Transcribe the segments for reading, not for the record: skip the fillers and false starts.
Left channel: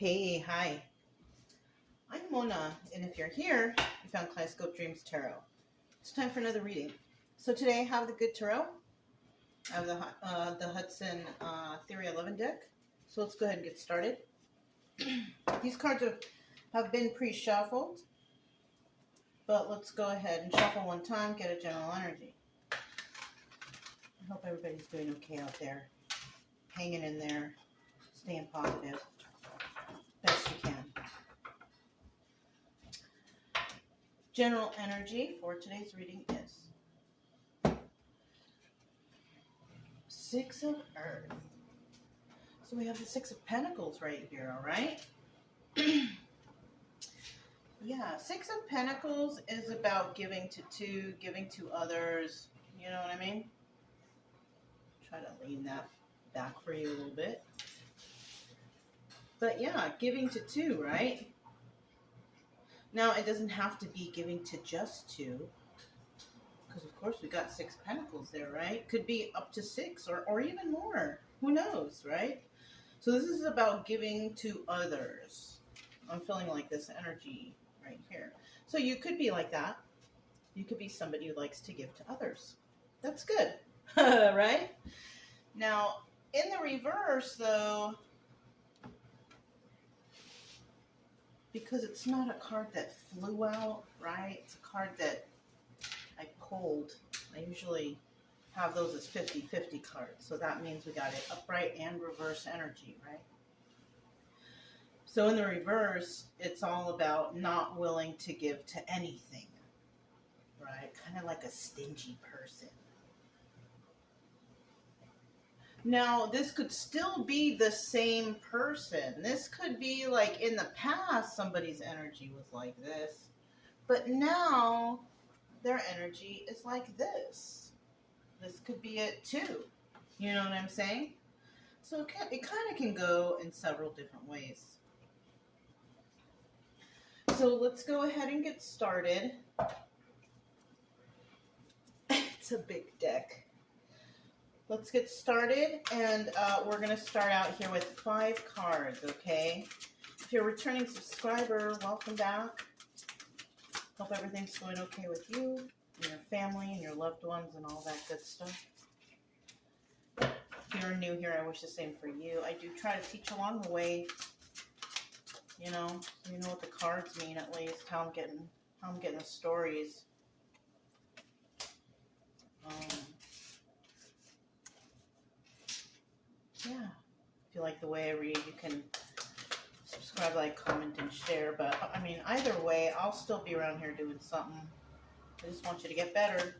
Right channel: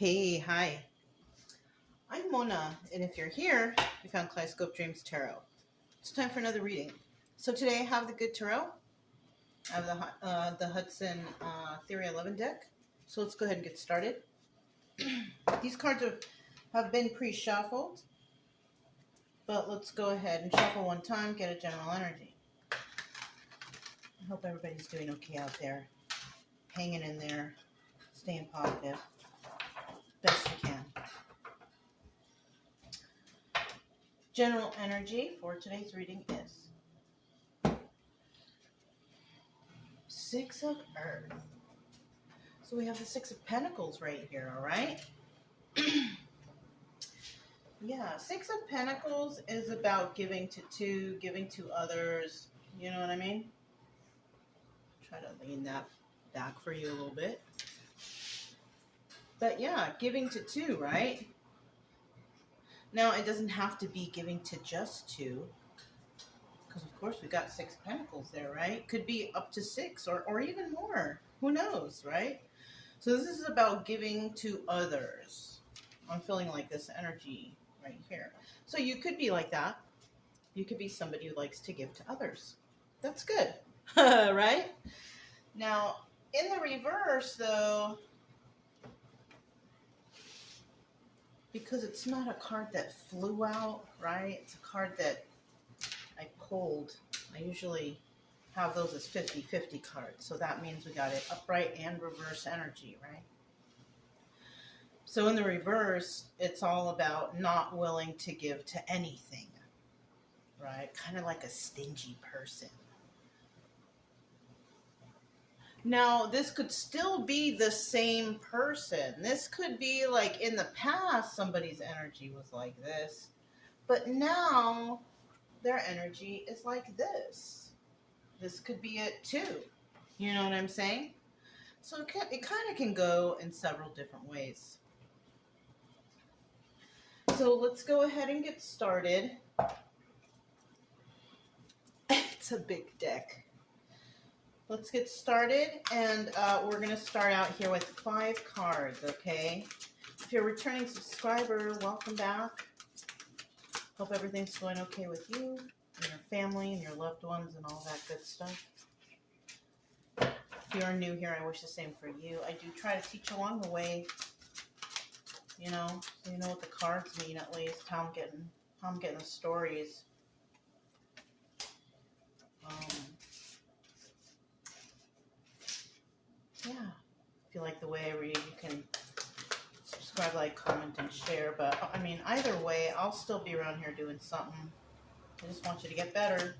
Hey, hi. I'm Mona, and if you're here, you found Kaleidoscope Dreams Tarot. It's time for another reading. So today I have the Good Tarot. I have the Hudson Theory 11 deck. So let's go ahead and get started. These cards have been pre-shuffled, but let's go ahead and shuffle one time, get a general energy. I hope everybody's doing okay out there, hanging in there, staying positive, best you can. General energy for today's reading is Six of Earth. So we have the Six of Pentacles right here, all right? Yeah, Six of Pentacles is about giving to others. You know what I mean? Try to lean that back for you a little bit. But yeah, giving to two, right? Now, it doesn't have to be giving to just two, because of course we got Six Pentacles there, right? Could be up to six or even more. Who knows, right? So this is about giving to others. I'm feeling like this energy right here. So you could be like that. You could be somebody who likes to give to others. That's good, right? Now, in the reverse, though, because it's not a card that flew out, right? It's a card that I pulled. I usually have those as 50-50 cards. So that means we got it upright and reverse energy, right? So in the reverse, it's all about not willing to give to anything, right? Kind of like a stingy person. Now, this could still be the same person. This could be like in the past, somebody's energy was like this, but now their energy is like this. This could be it too. You know what I'm saying? So it kind of can go in several different ways. So let's go ahead and get started. It's a big deck. Let's get started, and we're going to start out here with 5 cards, okay? If you're a returning subscriber, welcome back. Hope everything's going okay with you and your family and your loved ones and all that good stuff. If you're new here, I wish the same for you. I do try to teach along the way, you know what the cards mean at least, how I'm getting the stories. Yeah, if you like the way I read, you can subscribe, like, comment, and share. But, I mean, either way, I'll still be around here doing something. I just want you to get better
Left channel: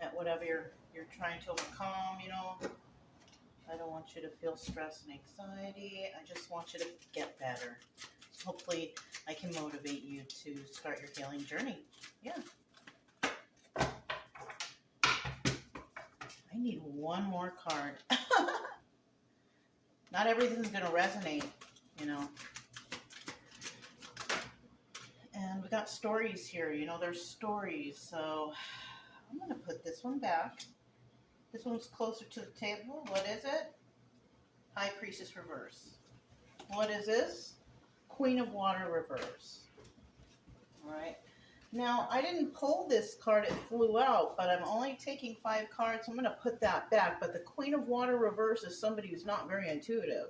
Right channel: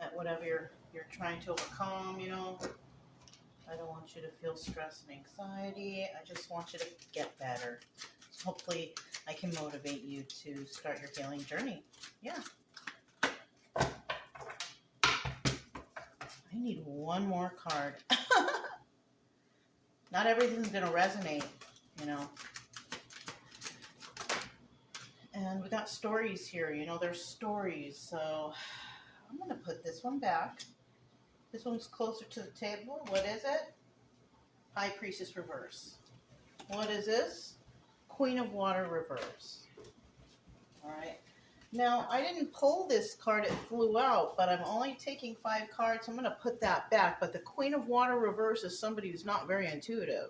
at whatever you're trying to overcome, you know. I don't want you to feel stress and anxiety. I just want you to get better. So hopefully, I can motivate you to start your healing journey. Yeah. I need one more card. Not everything's going to resonate, you know. And we got stories here, you know, there's stories. So I'm going to put this one back. This one's closer to the table. What is it? High Priestess reverse. What is this? Queen of Water reverse. All right. Now, I didn't pull this card, it flew out, but I'm only taking 5 cards, so I'm going to put that back. But the Queen of Water reverse is somebody who's not very intuitive.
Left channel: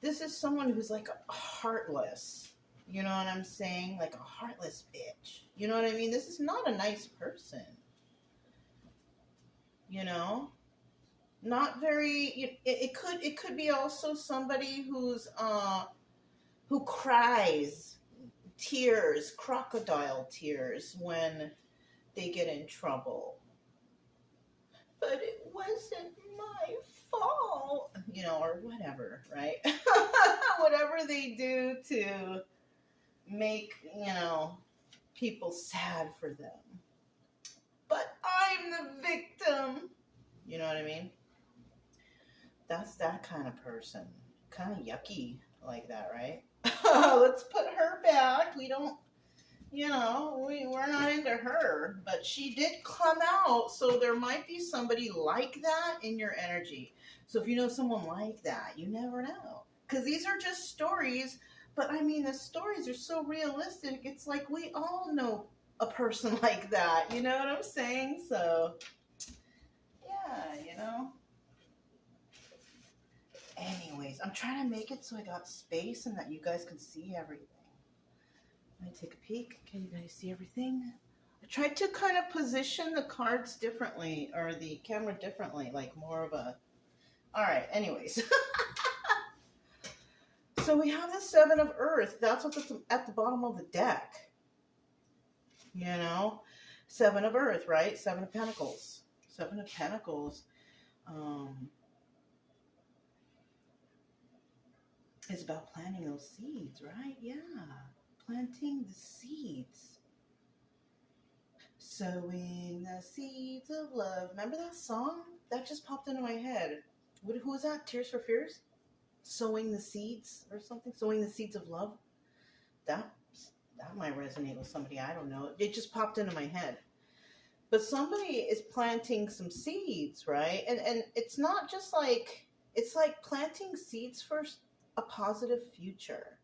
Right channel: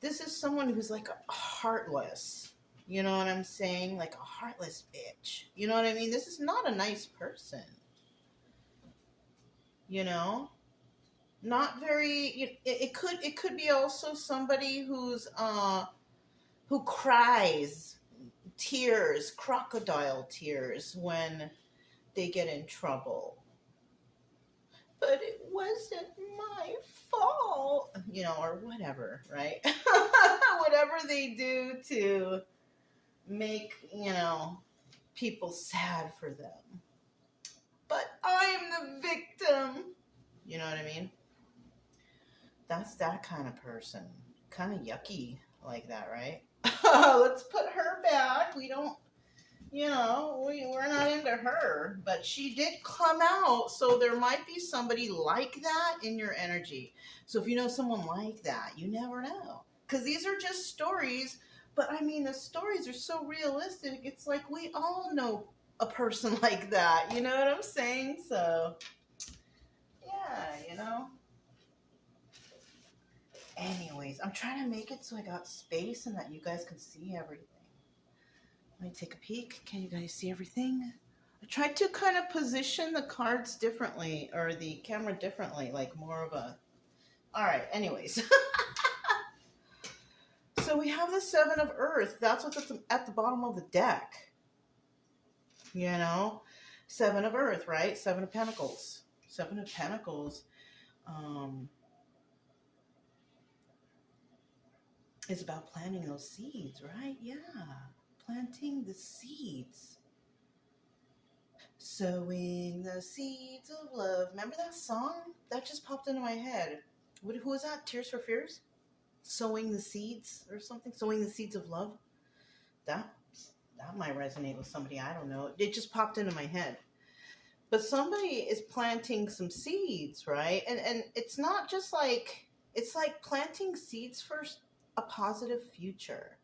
This is someone who's like heartless. You know what I'm saying? Like a heartless bitch. You know what I mean? This is not a nice person. You know? Not very, it could be also somebody who's, who cries tears, crocodile tears, when they get in trouble. But it wasn't my fault, you know, or whatever, right? Whatever they do to make, you know, people sad for them. But I'm the victim. You know what I mean? That's that kind of person. Kind of yucky like that, right? Let's put her back. We don't, you know, we're not into her. But she did come out, so there might be somebody like that in your energy. So if you know someone like that, you never know. Because these are just stories, but I mean, the stories are so realistic. It's like we all know a person like that. You know what I'm saying? So, yeah, you know. Anyways, I'm trying to make it so I got space and that you guys can see everything. Let me take a peek. Can you guys see everything? I tried to kind of position the cards differently, or the camera differently, like more of a... All right, anyways. So we have the Seven of Earth. That's what's at the bottom of the deck. You know? Seven of Earth, right? Seven of Pentacles. Seven of Pentacles is about planting those seeds, right? Yeah. Planting the seeds. Sowing the seeds of love. Remember that song? That just popped into my head. Who was that? Tears for Fears? Sowing the seeds or something? Sowing the seeds of love? That might resonate with somebody. I don't know. It just popped into my head. But somebody is planting some seeds, right? And it's not just like... It's like planting seeds for a positive future.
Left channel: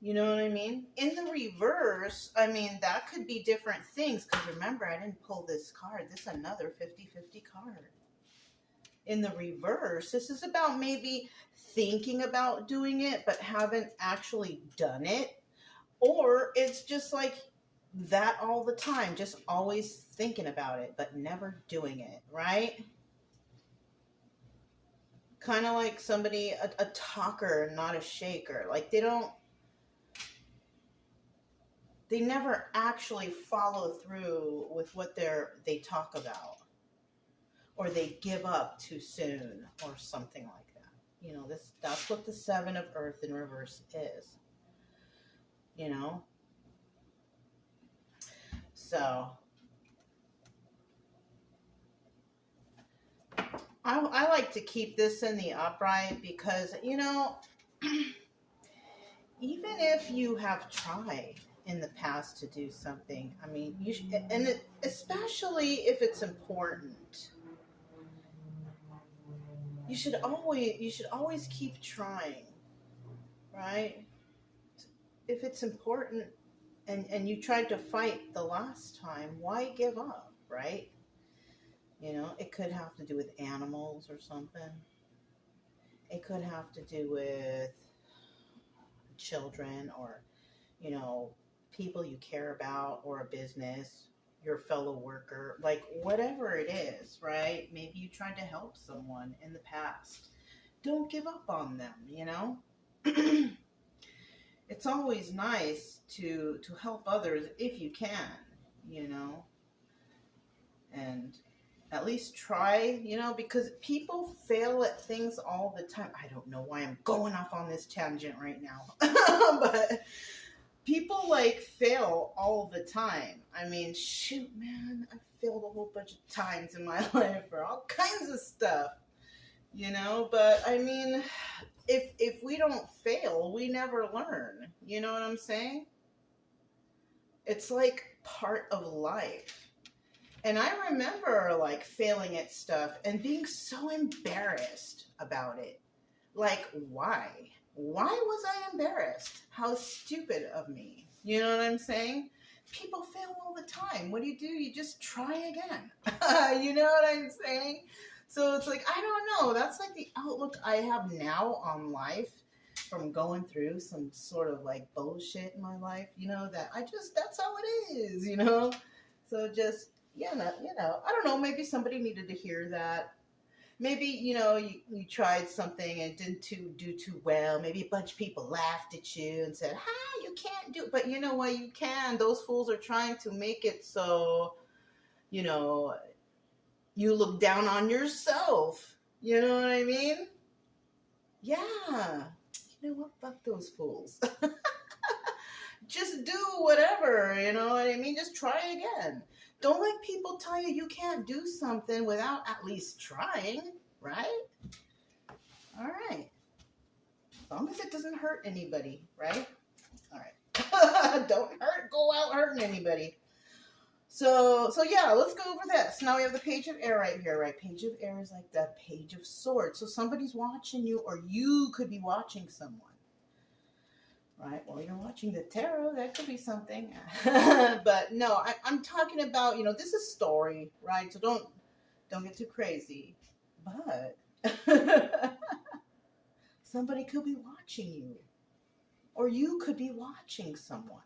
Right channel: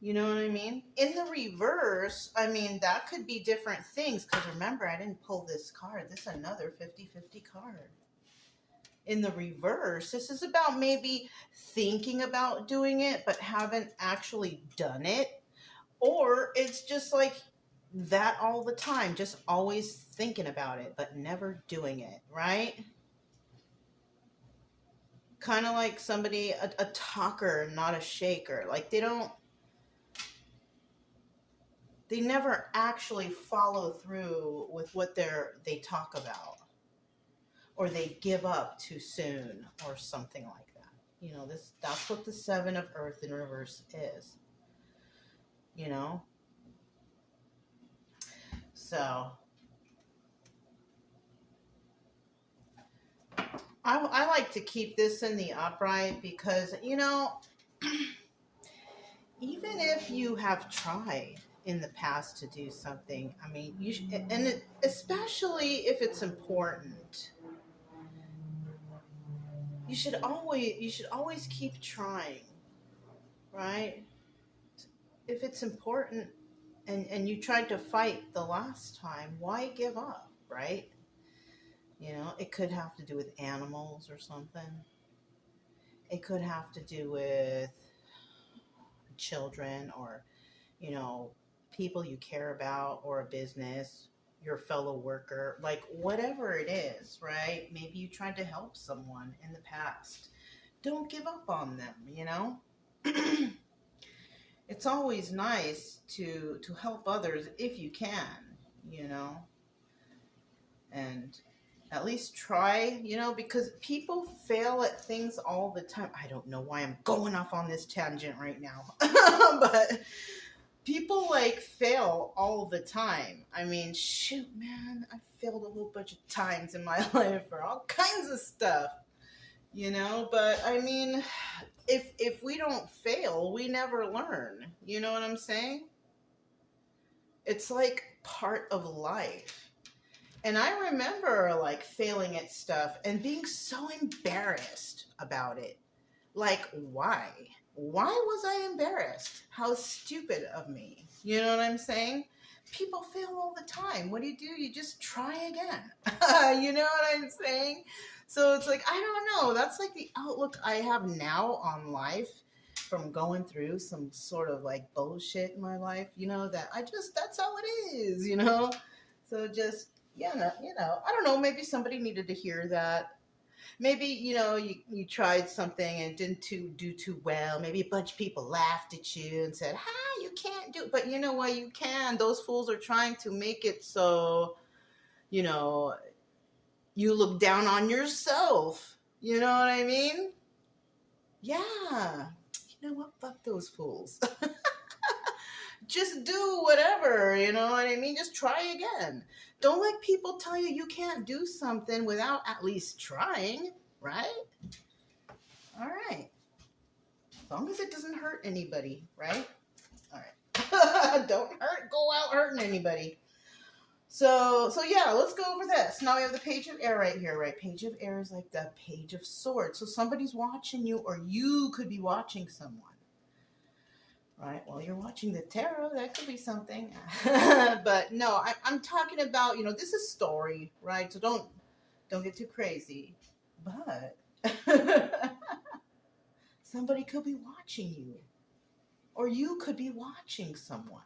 You know what I mean? In the reverse, I mean, that could be different things. Because remember, I didn't pull this card. This is another 50-50 card. In the reverse, this is about maybe thinking about doing it, but haven't actually done it. Or it's just like that all the time. Just always thinking about it, but never doing it, right? Kind of like somebody, a talker, not a shaker. Like they never actually follow through with what they talk about, or they give up too soon, or something like that. You know, that's what the Seven of Earth in reverse is. You know? So I like to keep this in the upright because, you know, even if you have tried in the past to do something, I mean, especially if it's important, you should always keep trying, right? If it's important and you tried to fight the last time, why give up, right? You know, it could have to do with animals or something. It could have to do with children, or, you know, people you care about, or a business, your fellow worker, like whatever it is, right? Maybe you tried to help someone in the past. Don't give up on them, you know? It's always nice to help others if you can, you know? And at least try, you know, because people fail at things all the time. I don't know why I'm going off on this tangent right now. But people like fail all the time. I mean, shoot, man, I failed a whole bunch of times in my life for all kinds of stuff, you know? But I mean, if we don't fail, we never learn. You know what I'm saying? It's like part of life. And I remember like failing at stuff and being so embarrassed about it. Like, why? Why was I embarrassed? How stupid of me. You know what I'm saying? People fail all the time. What do? You just try again. You know what I'm saying? So it's like, I don't know. That's like the outlook I have now on life from going through some sort of like bullshit in my life. You know, that's how it is, you know? So just... Yeah, you know, I don't know, maybe somebody needed to hear that. Maybe, you know, you tried something and didn't do too well. Maybe a bunch of people laughed at you and said, "Hi, you can't do it." But you know what? You can. Those fools are trying to make it so, you know, you look down on yourself. You know what I mean? Yeah. You know what? Fuck those fools. Just do whatever, you know what I mean? Just try again. Don't let people tell you you can't do something without at least trying, right? All right. As long as it doesn't hurt anybody, right? All right. Don't go out hurting anybody. So yeah, let's go over this. Now we have the Page of Air right here, right? Page of Air is like the Page of Swords. So somebody's watching you, or you could be watching someone. Right? Well, you're watching the tarot. That could be something. But no, I'm talking about, this is story, right? So don't get too crazy. But somebody could be watching you, or you could be watching someone,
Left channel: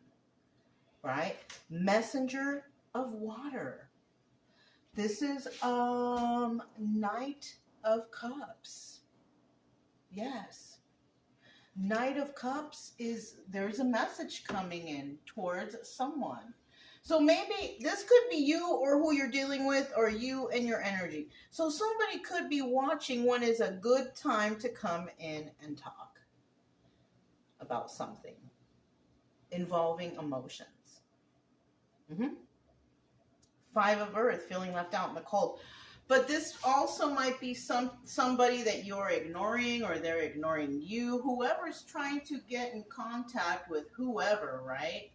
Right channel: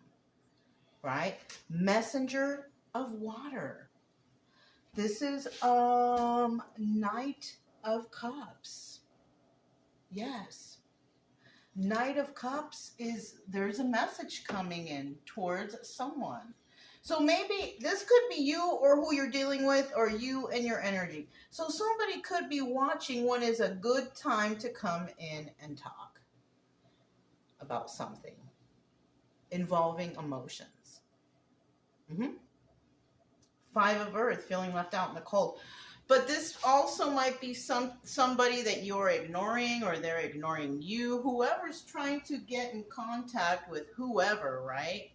right? Messenger of water. This is Knight of Cups. Yes. Knight of Cups is, there's a message coming in towards someone. So maybe this could be you or who you're dealing with, or you and your energy. So somebody could be watching when is a good time to come in and talk about something involving emotions. Five of Earth, feeling left out in the cold. But this also might be somebody that you're ignoring, or they're ignoring you. Whoever's trying to get in contact with whoever, right?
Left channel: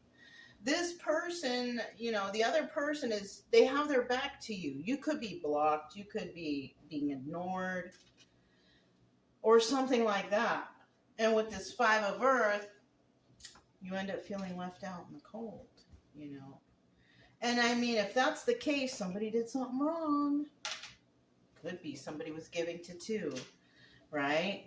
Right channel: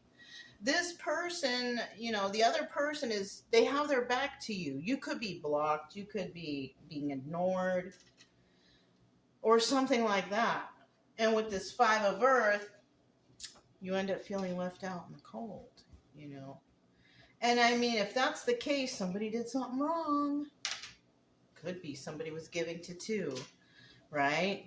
This person, the other person they have their back to you. You could be blocked. You could be being ignored, or something like that. And with this Five of Earth, you end up feeling left out in the cold, And I mean, if that's the case, somebody did something wrong. Could be somebody was giving to two, right?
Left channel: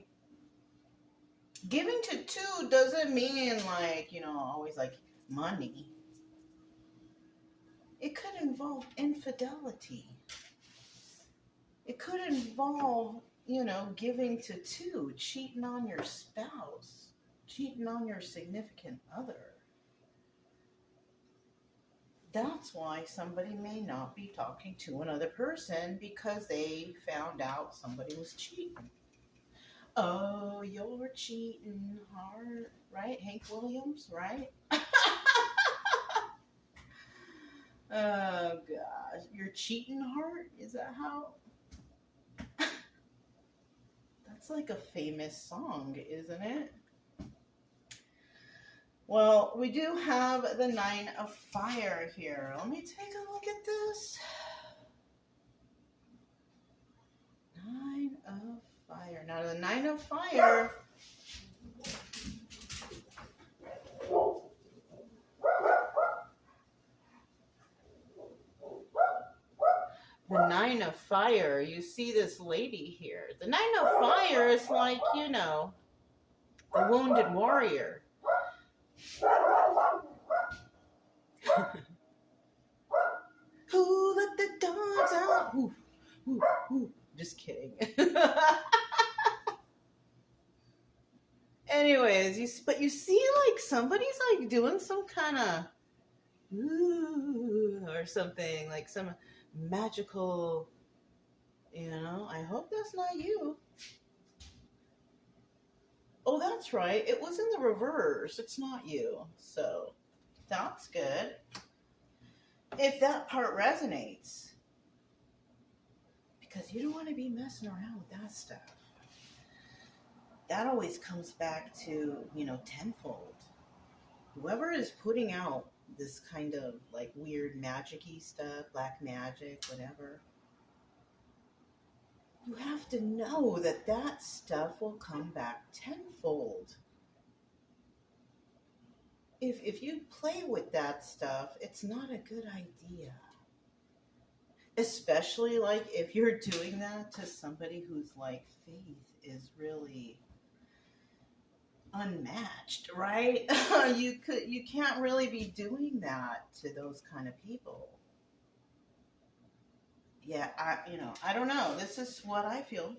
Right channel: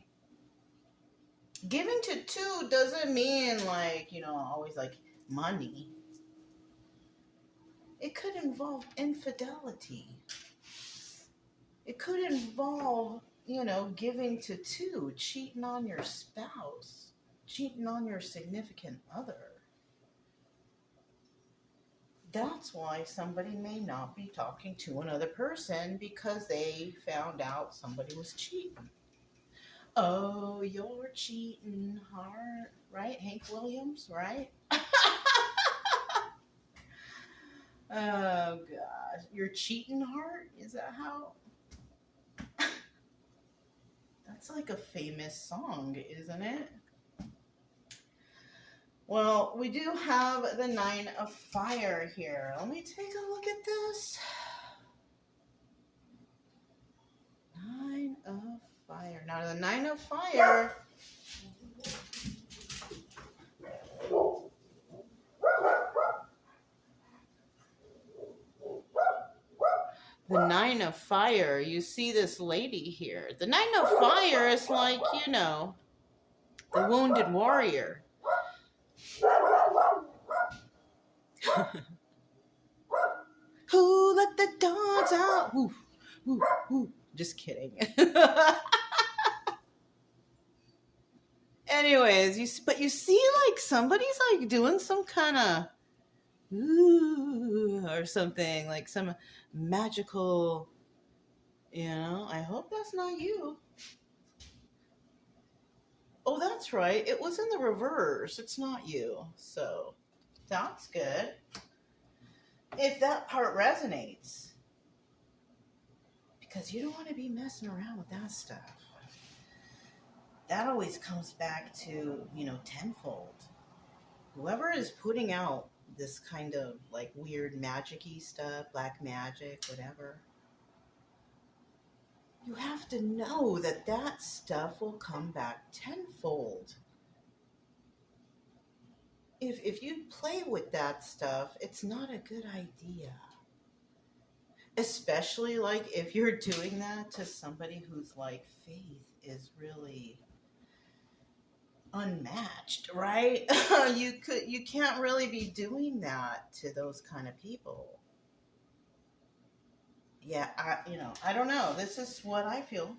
Giving to two doesn't mean like, always like money. It could involve infidelity. It could involve, giving to two, cheating on your spouse, cheating on your significant other. That's why somebody may not be talking to another person, because they found out somebody was cheating. Oh, you're cheating, heart, right? Hank Williams, right? Oh, gosh. You're cheating, heart? Is that how? That's like a famous song, isn't it? Well, we do have the Nine of Fire here. Let me take a look at this. Nine of Fire. Now, the Nine of Fire... The Nine of Fire, you see this lady here. The Nine of Fire is like, the wounded warrior. Who let the dogs out? Ooh, ooh, ooh. Just kidding. Anyways, but you see like somebody's like doing some kind of ooh or something, like some magical, I hope that's not you. Oh, that's right. It was in the reverse. It's not you. So that's good. If that part resonates. Because you don't want to be messing around with that stuff. That always comes back to, tenfold. Whoever is putting out this kind of like weird magic-y stuff, black magic, whatever, you have to know that that stuff will come back tenfold. If you play with that stuff, it's not a good idea. Especially like if you're doing that to somebody whose like faith is really unmatched, right? You can't really be doing that to those kind of people. Yeah, I don't know. This is what I feel.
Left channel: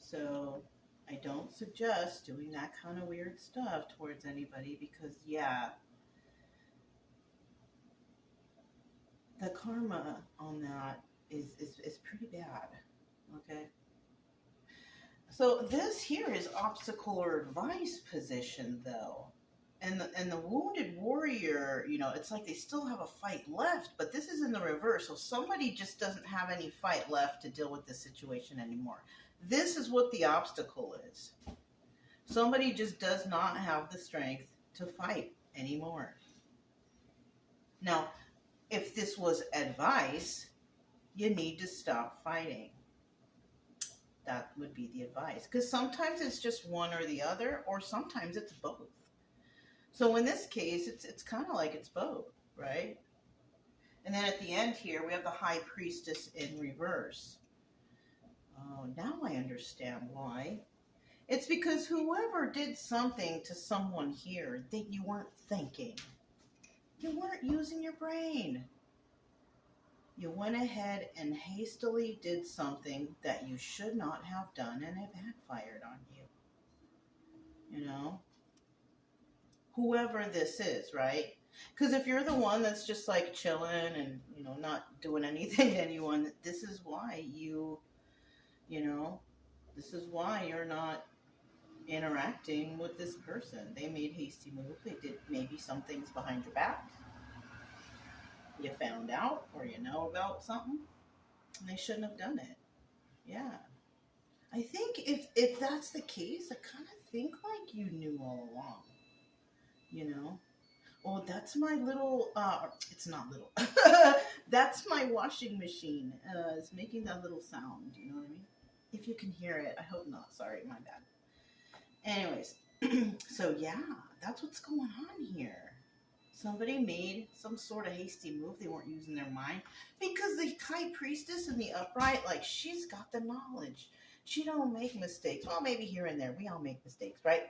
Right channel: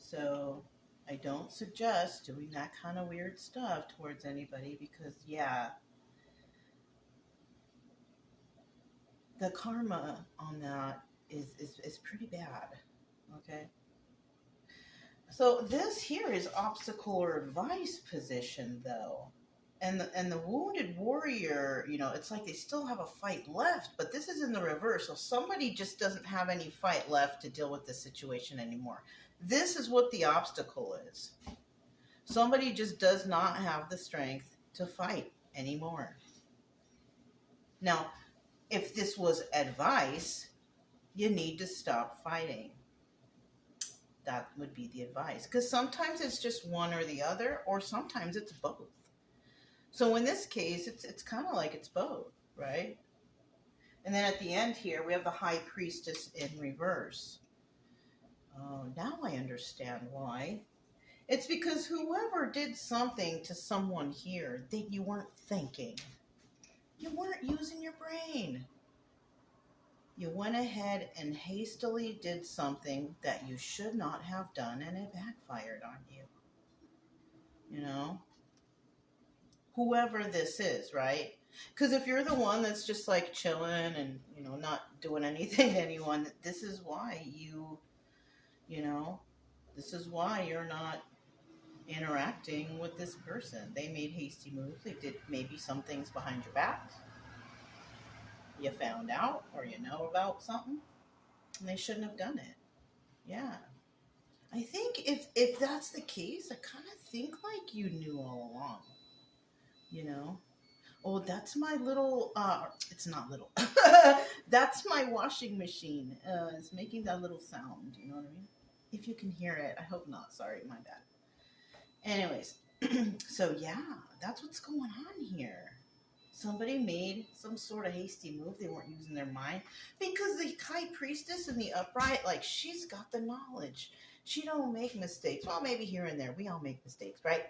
So I don't suggest doing that kind of weird stuff towards anybody, because the karma on that is pretty bad. Okay. So this here is obstacle or advice position, though. And the wounded warrior, it's like they still have a fight left, but this is in the reverse. So somebody just doesn't have any fight left to deal with the situation anymore. This is what the obstacle is. Somebody just does not have the strength to fight anymore. Now, if this was advice, you need to stop fighting. That would be the advice. Because sometimes it's just one or the other, or sometimes it's both. So in this case, it's kind of like it's both, right? And then at the end here, we have the High Priestess in reverse. Oh, now I understand why. It's because whoever did something to someone here that you weren't thinking. You weren't using your brain. You went ahead and hastily did something that you should not have done, and it backfired on you. You know? Whoever this is, right? Because if you're the one that's just like chilling and, you know, not doing anything to anyone, this is why this is why you're not interacting with this person. They made hasty moves. They did maybe some things behind your back. You found out or you know about something, and they shouldn't have done it. Yeah. I think if that's the case, I kind of think like you knew all along. You know? Oh, that's my little, it's not little. That's my washing machine. It's making that little sound. You know what I mean? If you can hear it. I hope not. Sorry, my bad. Anyways, so yeah, that's what's going on here. Somebody made some sort of hasty move. They weren't using their mind. Because the High Priestess in the upright, like, she's got the knowledge. She don't make mistakes. Well, maybe here and there. We all make mistakes, right?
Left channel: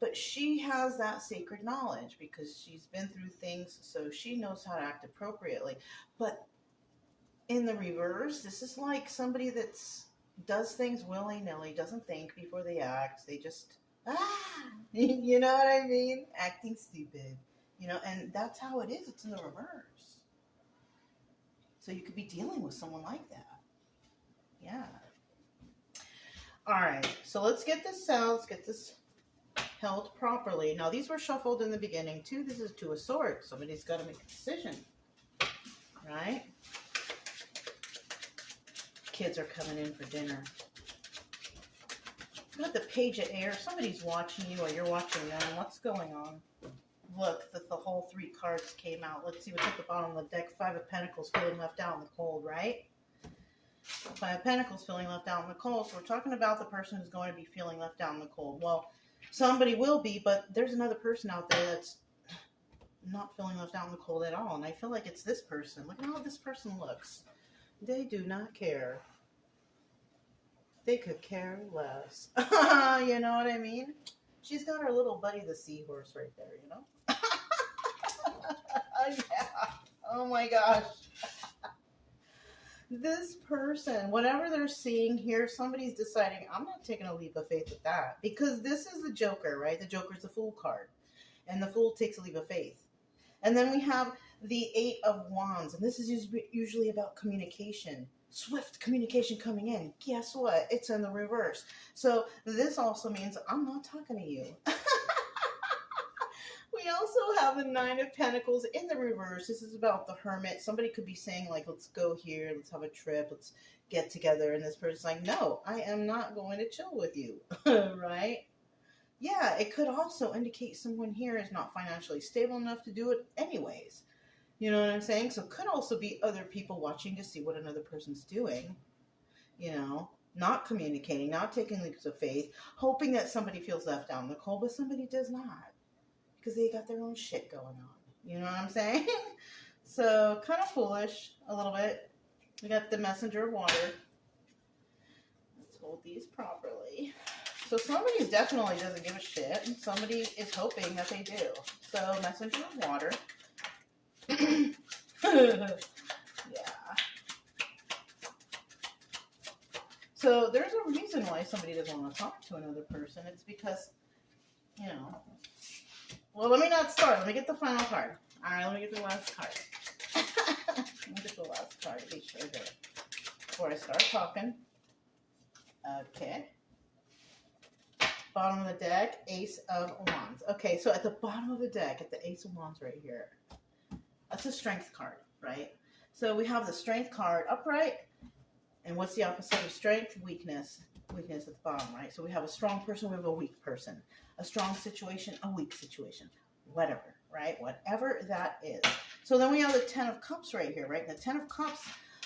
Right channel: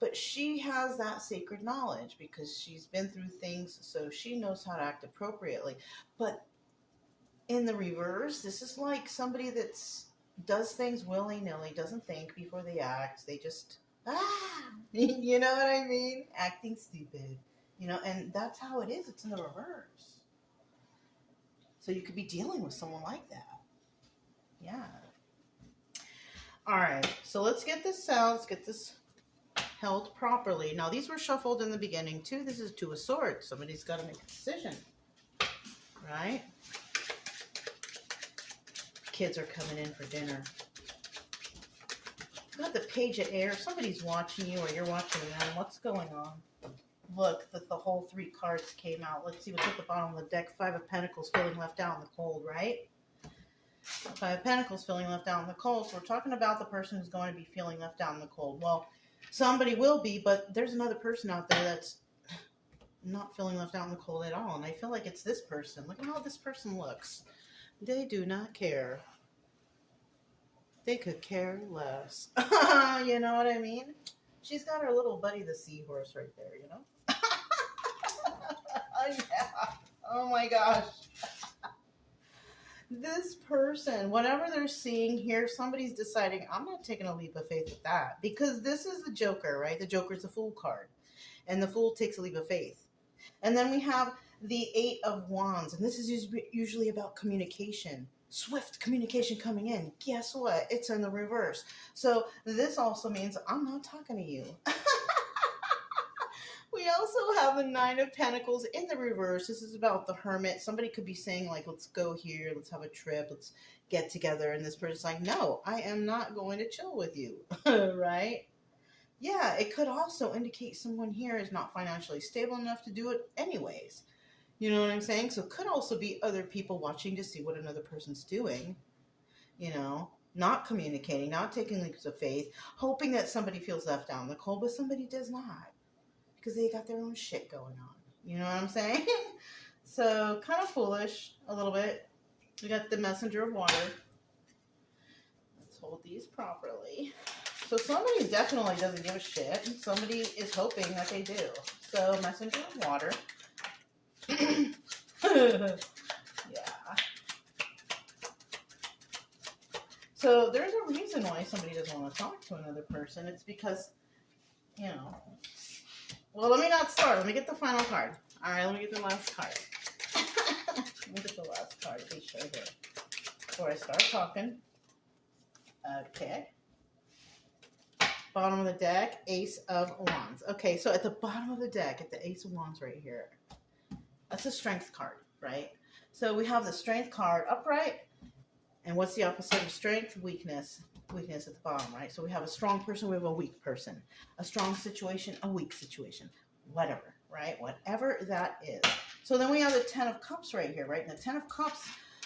But she has that sacred knowledge because she's been through things, so she knows how to act appropriately. But in the reverse, this is like somebody that does things willy-nilly, doesn't think before they act. They just, you know what I mean? Acting stupid. You know, and that's how it is. It's in the reverse. So you could be dealing with someone like that. Yeah. All right. So let's get this out. Let's get this held properly. Now, these were shuffled in the beginning, too. This is Two of Swords. Somebody's got to make a decision. Right? Kids are coming in for dinner. Got the Page of Air. Somebody's watching you or you're watching them. What's going on? Look, the whole 3 cards came out. Let's see what's at the bottom of the deck. 5 of Pentacles, feeling left out in the cold, right? 5 of Pentacles, feeling left out in the cold. So we're talking about the person who's going to be feeling left out in the cold. Well, somebody will be, but there's another person out there that's not feeling left out in the cold at all. And I feel like it's this person. Look at how this person looks. They do not care. They could care less. You know what I mean? She's got her little buddy, the seahorse, right there, you know? Yeah. Oh my gosh. This person, whatever they're seeing here, somebody's deciding, I'm not taking a leap of faith with that. Because this is the Joker, right? The Joker's the Fool card. And the Fool takes a leap of faith. And then we have the 8 of Wands. And this is usually about communication. Swift communication coming in. Guess what? It's in the reverse. So this also means I'm not talking to you. We also have the 9 of Pentacles in the reverse. This is about the Hermit. Somebody could be saying, like, let's go here. Let's have a trip. Let's get together. And this person's like, no, I am not going to chill with you. Right? Yeah, it could also indicate someone here is not financially stable enough to do it anyways. You know what I'm saying? So it could also be other people watching to see what another person's doing. You know, not communicating, not taking leaps of faith, hoping that somebody feels left out in the cold, but somebody does not. Because they got their own shit going on. You know what I'm saying? So, kind of foolish, a little bit. We got the Messenger of Water. Let's hold these properly. So somebody definitely doesn't give a shit. And somebody is hoping that they do. So, Messenger of Water. Yeah. So there's a reason why somebody doesn't want to talk to another person. It's because, you know. Well, let me not start. Let me get the final card. All right, let me get the last card. Let me get the last card. Be sure here before I start talking. Okay. Bottom of the deck, Ace of Wands. Okay, so at the bottom of the deck, at the Ace of Wands right here, that's a strength card, right? So we have the strength card upright. And what's the opposite of strength? Weakness. Weakness at the bottom, right? So we have a strong person, we have a weak person. A strong situation, a weak situation. Whatever. right? Whatever that is. So then we have the Ten of Cups right here, right? And the Ten of Cups,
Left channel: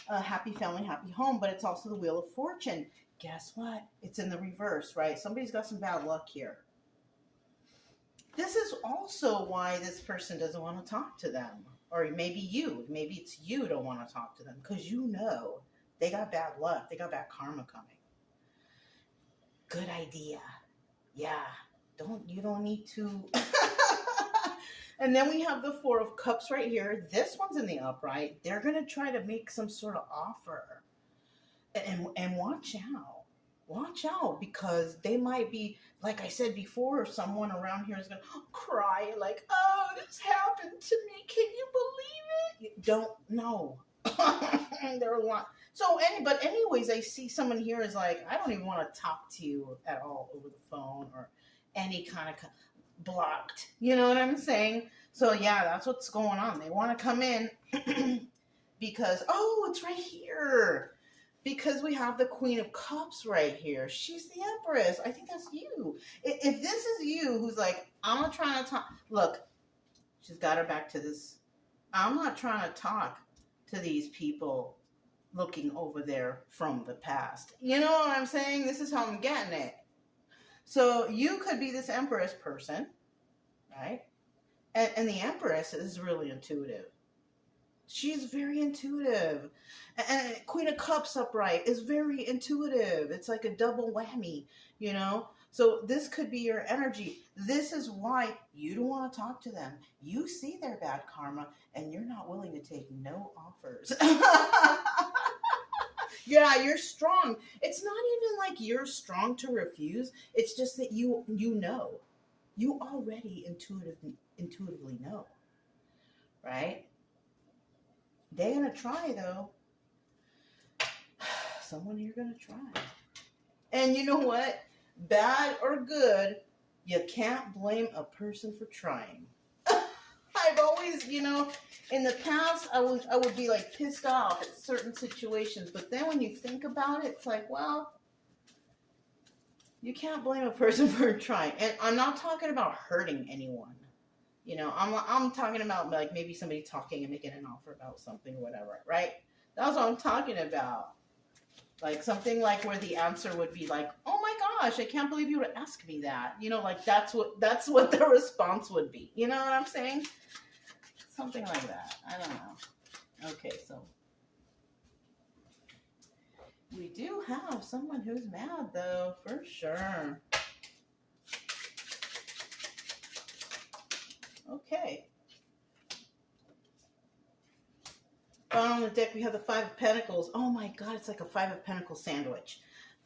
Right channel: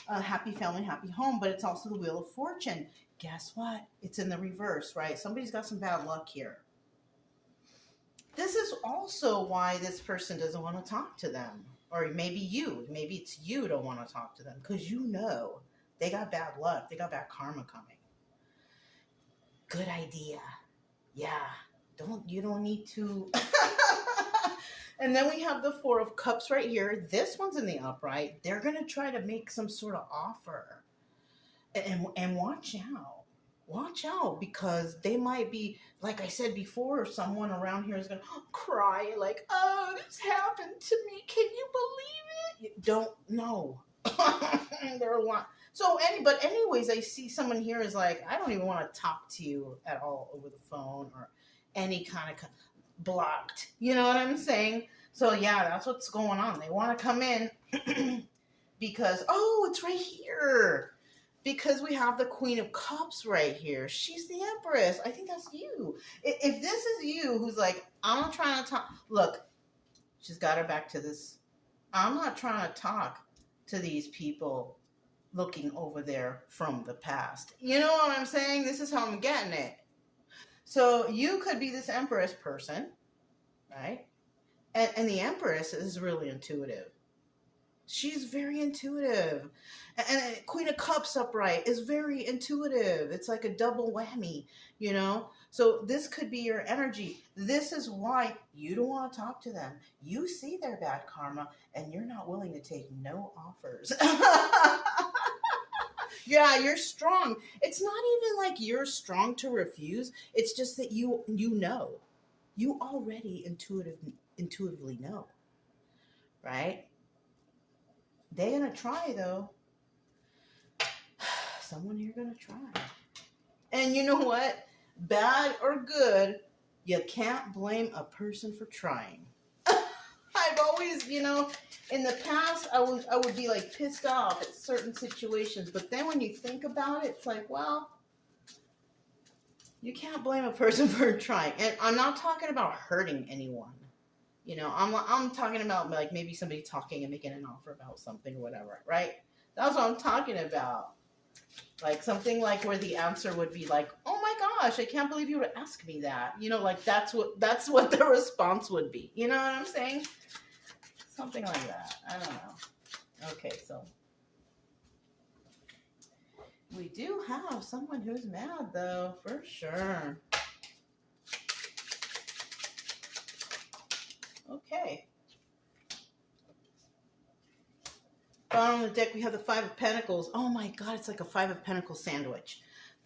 happy family, happy home, but it's also the Wheel of Fortune. Guess what? It's in the reverse, right? Somebody's got some bad luck here. This is also why this person doesn't want to talk to them. Or maybe it's you don't want to talk to them because you know they got bad luck. They got bad karma coming. Good idea. Yeah. You don't need to. And then we have the Four of Cups right here. This one's in the upright. They're going to try to make some sort of offer. And watch out. Watch out, because they might be, like I said before, someone around here is going to cry like, oh, this happened to me. Can you believe it? You don't know. There are a lot. So, but anyways, I see someone here is like, I don't even want to talk to you at all over the phone or any kind of blocked. You know what I'm saying? So, yeah, that's what's going on. They want to come in because, oh, it's right here. Because we have the Queen of Cups right here. She's the Empress. I think that's you. If this is you who's like, I'm not trying to talk. Look, she's got her back to this. I'm not trying to talk to these people looking over there from the past. You know what I'm saying? This is how I'm getting it. So you could be this Empress person, right? And the Empress is really intuitive. She's very intuitive. And Queen of Cups upright is very intuitive. It's like a double whammy, you know? So this could be your energy. This is why you don't want to talk to them. You see their bad karma, and you're not willing to take no offers. Yeah, you're strong. It's not even like you're strong to refuse. It's just that you know. You already intuitively know, right? They're going to try, though. Someone here going to try. And you know what? Bad or good, you can't blame a person for trying. I've always, in the past, I would be like pissed off at certain situations. But then when you think about it, it's like, well, you can't blame a person for trying. And I'm not talking about hurting anyone. I'm talking about like maybe somebody talking and making an offer about something, whatever, right? That's what I'm talking about. Like something like where the answer would be like, "Oh my gosh, I can't believe you would ask me that." Like that's what the response would be. You know what I'm saying? Something like that. I don't know. Okay, so we do have someone who's mad though, for sure. Okay. Bottom of the deck, we have the Five of Pentacles. Oh my God, it's like a Five of Pentacles sandwich.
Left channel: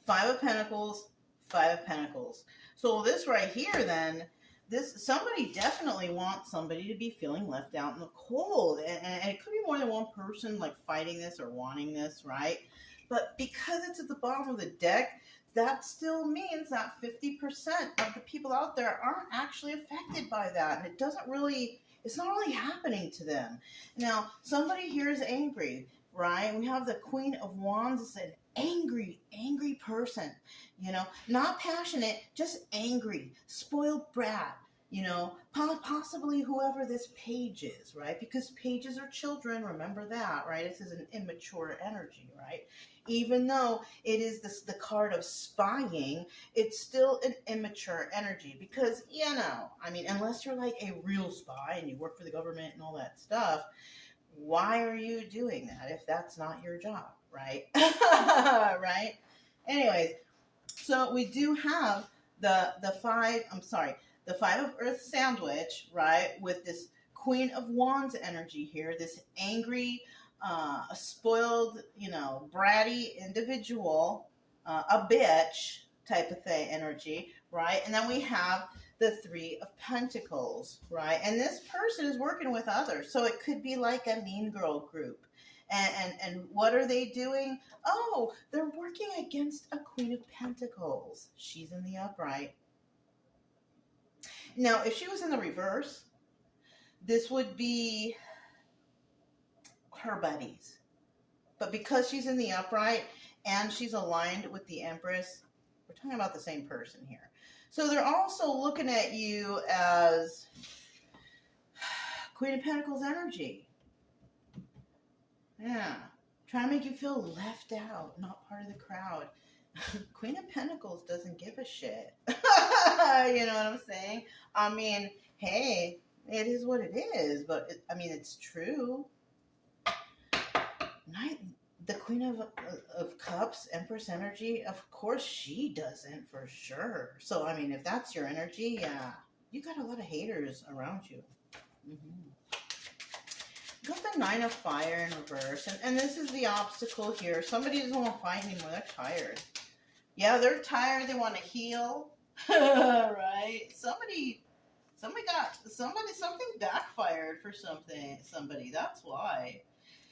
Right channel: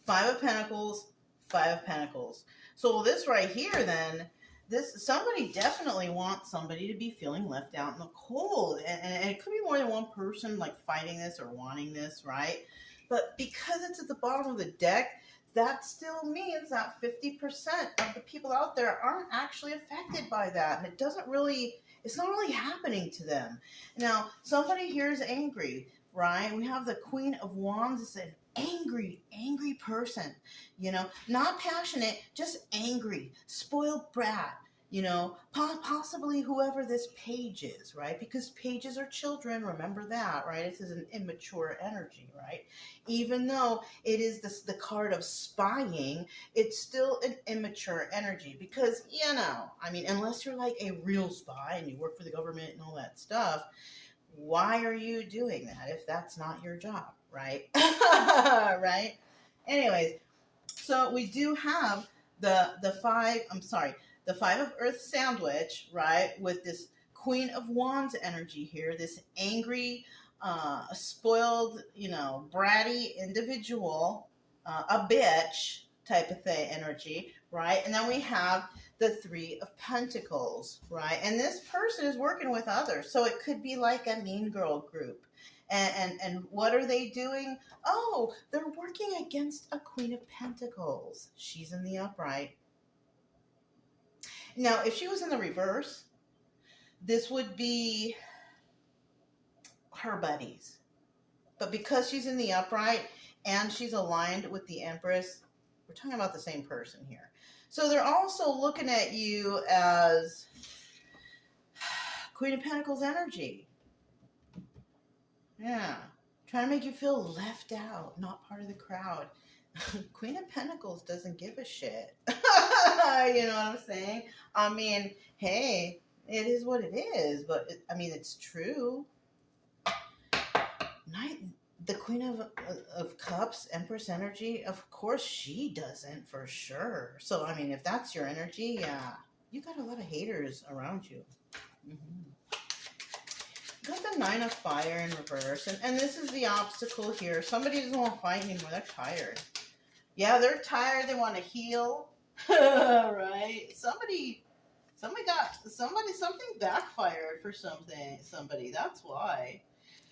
Five of Pentacles, Five of Pentacles. So this right here then, somebody definitely wants somebody to be feeling left out in the cold. And it could be more than one person like fighting this or wanting this, right? But because it's at the bottom of the deck, that still means that 50% of the people out there aren't actually affected by that. And it's not really happening to them. Now, somebody here is angry, right? We have the Queen of Wands. It's an angry person, not passionate, just angry, spoiled brat, possibly whoever this page is, right? Because pages are children, remember that, right? This is an immature energy, right? Even though it is the card of spying, it's still an immature energy because, unless you're like a real spy and you work for the government and all that stuff, why are you doing that if that's not your job, right? Right? Anyways, so we do have the Five of Earth sandwich, right? With this Queen of Wands energy here, this angry, spoiled, bratty individual, a bitch type of thing energy, right? And then we have the Three of Pentacles, right? And this person is working with others. So it could be like a mean girl group. And what are they doing? Oh, they're working against a Queen of Pentacles. She's in the upright. Now, if she was in the reverse, this would be her buddies. But because she's in the upright and she's aligned with the Empress, we're talking about the same person here. So they're also looking at you as Queen of Pentacles energy. Yeah. Trying to make you feel left out, not part of the crowd. Queen of Pentacles doesn't give a shit. You know what I'm saying? I mean, hey, it is what it is, but I mean, it's true. The Queen of Cups, Empress energy, of course she doesn't, for sure. So, I mean, if that's your energy, yeah, you got a lot of haters around you. Got the Nine of Fire in reverse, and this is the obstacle here. Somebody doesn't want to fight anymore. They're tired. Yeah, they're tired. They want to heal. Right? Something backfired for somebody. That's why.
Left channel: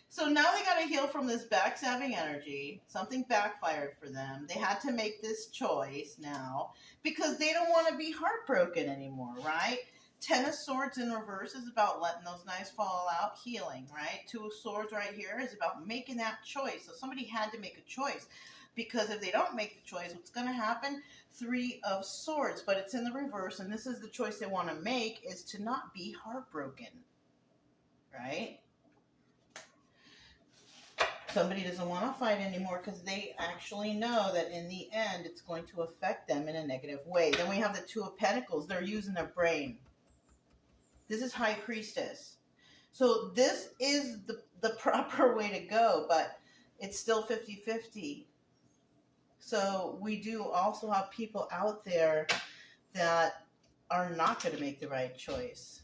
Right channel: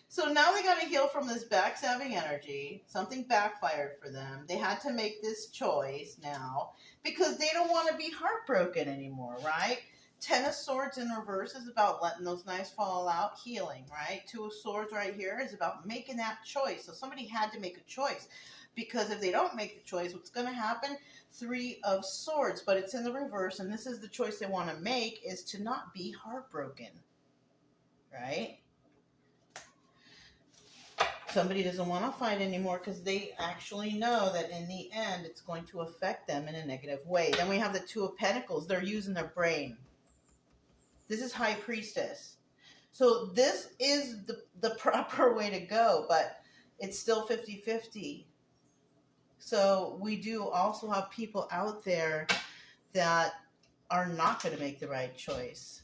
So now they got to heal from this backstabbing energy. Something backfired for them. They had to make this choice now because they don't want to be heartbroken anymore, right? Ten of Swords in reverse is about letting those knives fall out, healing, right? Two of Swords right here is about making that choice. So somebody had to make a choice because if they don't make the choice, what's going to happen? Three of Swords, but it's in the reverse, and this is the choice they want to make, is to not be heartbroken, right? Somebody doesn't want to fight anymore because they actually know that in the end it's going to affect them in a negative way. Then we have the Two of Pentacles. They're using their brain. This is High Priestess. So this is the proper way to go, but it's still 50-50. So we do also have people out there that are not going to make the right choice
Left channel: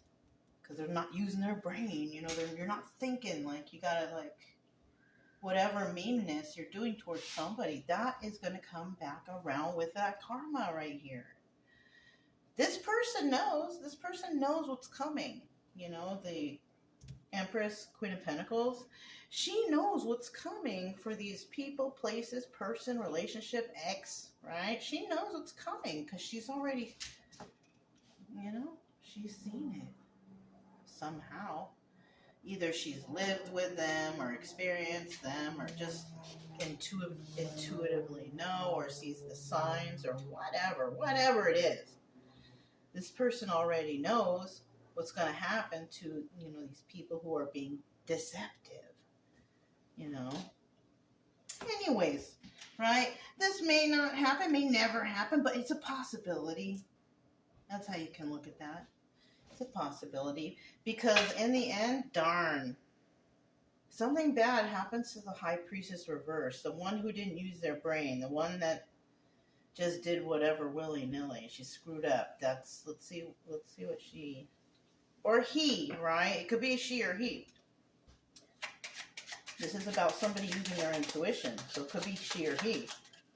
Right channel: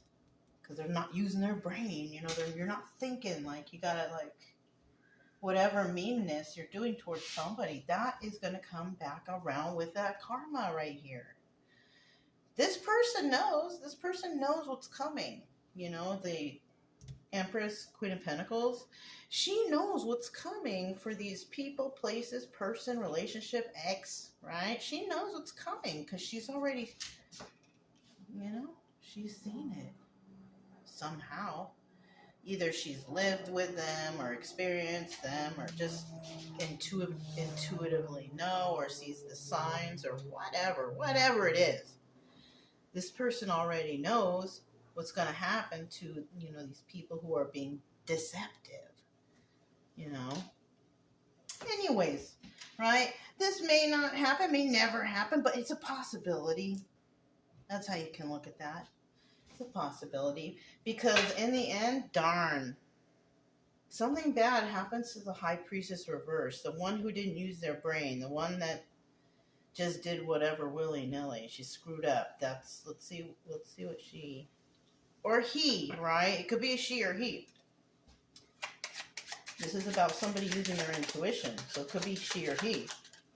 because they're not using their brain. You know, you're not thinking like you got to like whatever meanness you're doing towards somebody, that is going to come back around with that karma right here. This person knows what's coming. You know, the Empress, Queen of Pentacles, she knows what's coming for these people, places, person, relationship, ex, right? She knows what's coming because she's already, you know, she's seen it somehow. Either she's lived with them or experienced them or just intuitively know or sees the signs or whatever it is. This person already knows what's going to happen to, you know, these people who are being deceptive, you know. Anyways, right? This may not happen, may never happen, but it's a possibility. That's how you can look at that. It's a possibility because in the end, darn, something bad happens to the High Priestess reverse, the one who didn't use their brain, the one that just did whatever willy-nilly. She screwed up. Let's see what she, or he, right? It could be a she or he. This is about somebody using their intuition, so it could be she or he.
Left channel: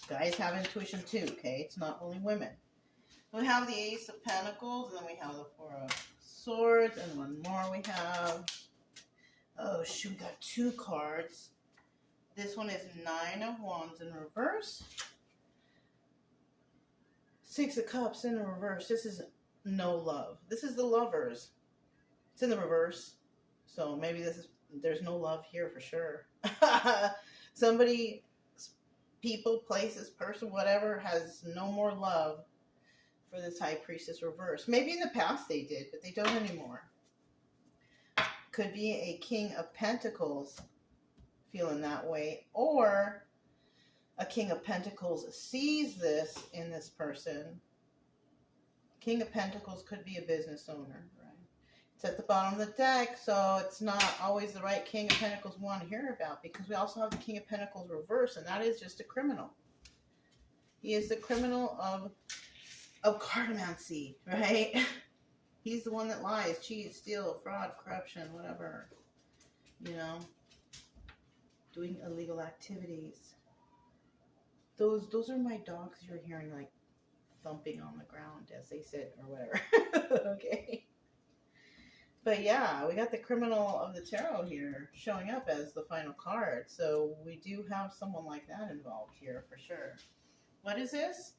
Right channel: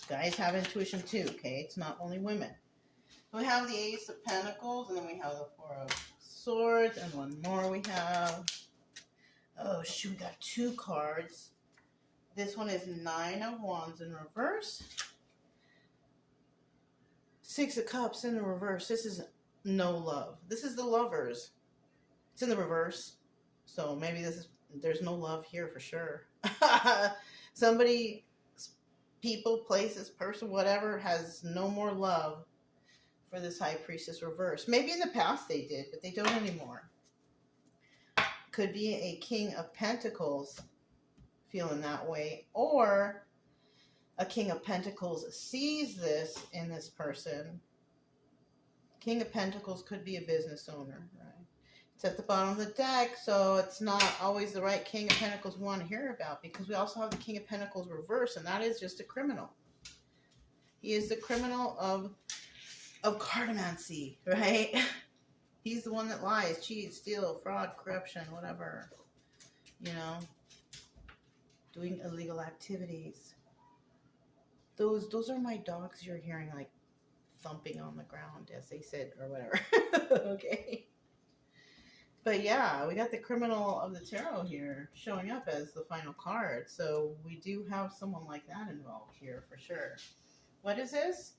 Guys have intuition too, okay? It's not only women. We have the Ace of Pentacles, and then we have the Four of Swords, and one more we have. Oh, shoot, we got two cards. This one is Nine of Wands in reverse. Six of Cups in the reverse. This is no love. This is the Lovers. It's in the reverse. So maybe there's no love here for sure. Somebody, people, places, person, whatever, has no more love for this High Priestess reverse. Maybe in the past they did, but they don't anymore. Could be a King of Pentacles feeling that way, or a King of Pentacles sees this in this person. King of Pentacles could be a business owner, right? It's at the bottom of the deck, so it's not always the right King of Pentacles we want to hear about, because we also have the King of Pentacles reverse, and that is just a criminal. He is the criminal of cartomancy, right? He's the one that lies, cheats, steals, fraud, corruption, whatever. You know, doing illegal activities. Those are my dogs you're hearing like thumping on the ground, as they said, or whatever. Okay. But yeah, we got the criminal of the tarot here showing up as the final card. So we do have someone like that involved here for sure. What is this?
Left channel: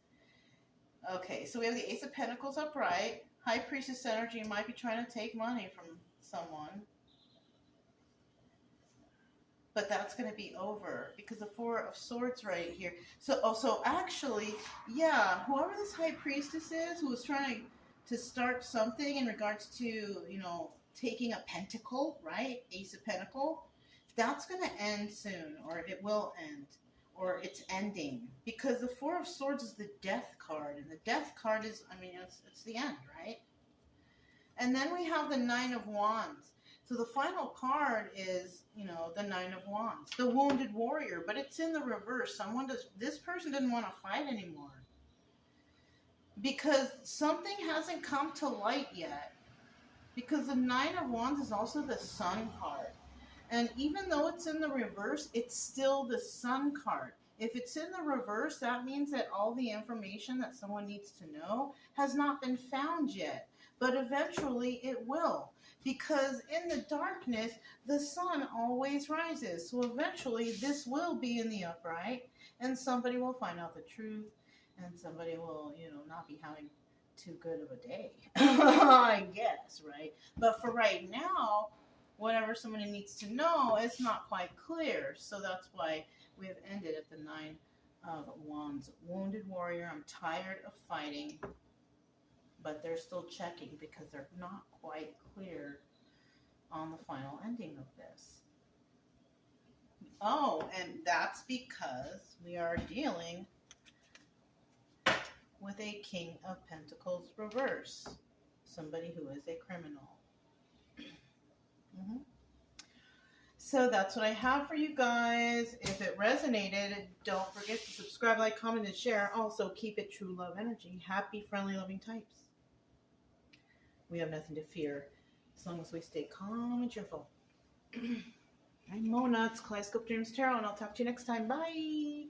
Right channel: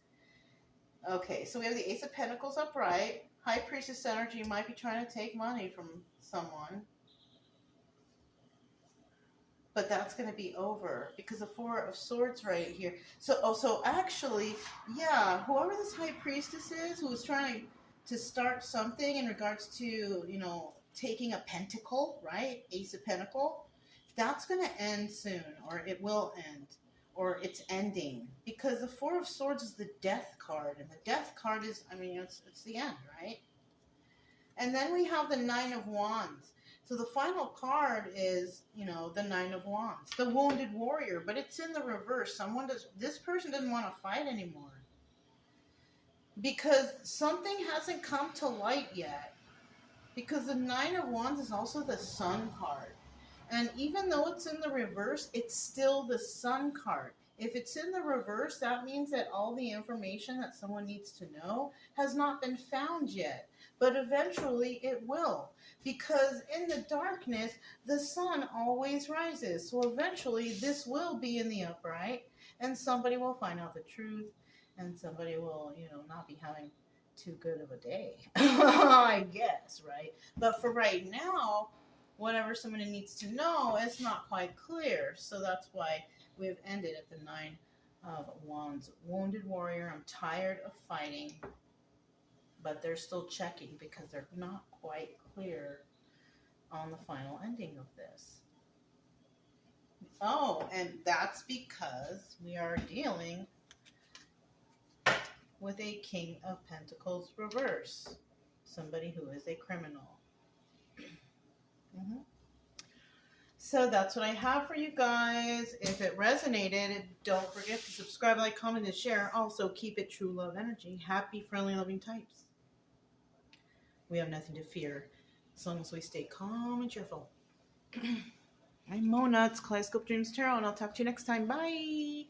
Okay, so we have the Ace of Pentacles upright. High Priestess energy might be trying to take money from someone. But that's going to be over because the Four of Swords right here. So actually, yeah, whoever this High Priestess is who is trying to start something in regards to, you know, taking a pentacle, right? Ace of Pentacle. That's going to end soon, or it will end, or it's ending. Because the Four of Swords is the Death card, and the Death card is, I mean, it's the end, right? And then we have the Nine of Wands. So the final card is, you know, the Nine of Wands, the Wounded Warrior, but it's in the reverse. This person doesn't want to fight anymore because something hasn't come to light yet. Because the Nine of Wands is also the Sun card. And even though it's in the reverse, it's still the Sun card. If it's in the reverse, that means that all the information that someone needs to know has not been found yet. But eventually it will. Because in the darkness, the sun always rises. So eventually this will be in the upright. And somebody will find out the truth. And somebody will, you know, not be having too good of a day. I guess, right? But for right now, whatever somebody needs to know, it's not quite clear. So that's why we've ended at the Nine of Wands. Wounded Warrior, I'm tired of fighting. But they're still checking because they're not quite clear on the final ending of this. Oh, and that's because we are dealing with a King of Pentacles reverse. Somebody who is a criminal. So that's what I have for you guys. If it resonated, don't forget to subscribe, like, comment, and share. Also, keep it true love energy. Happy, friendly, loving types. We have nothing to fear as long as we stay calm and cheerful. I'm Mona. It's Kaleidoscope Dreams Tarot, and I'll talk to you next time. Bye.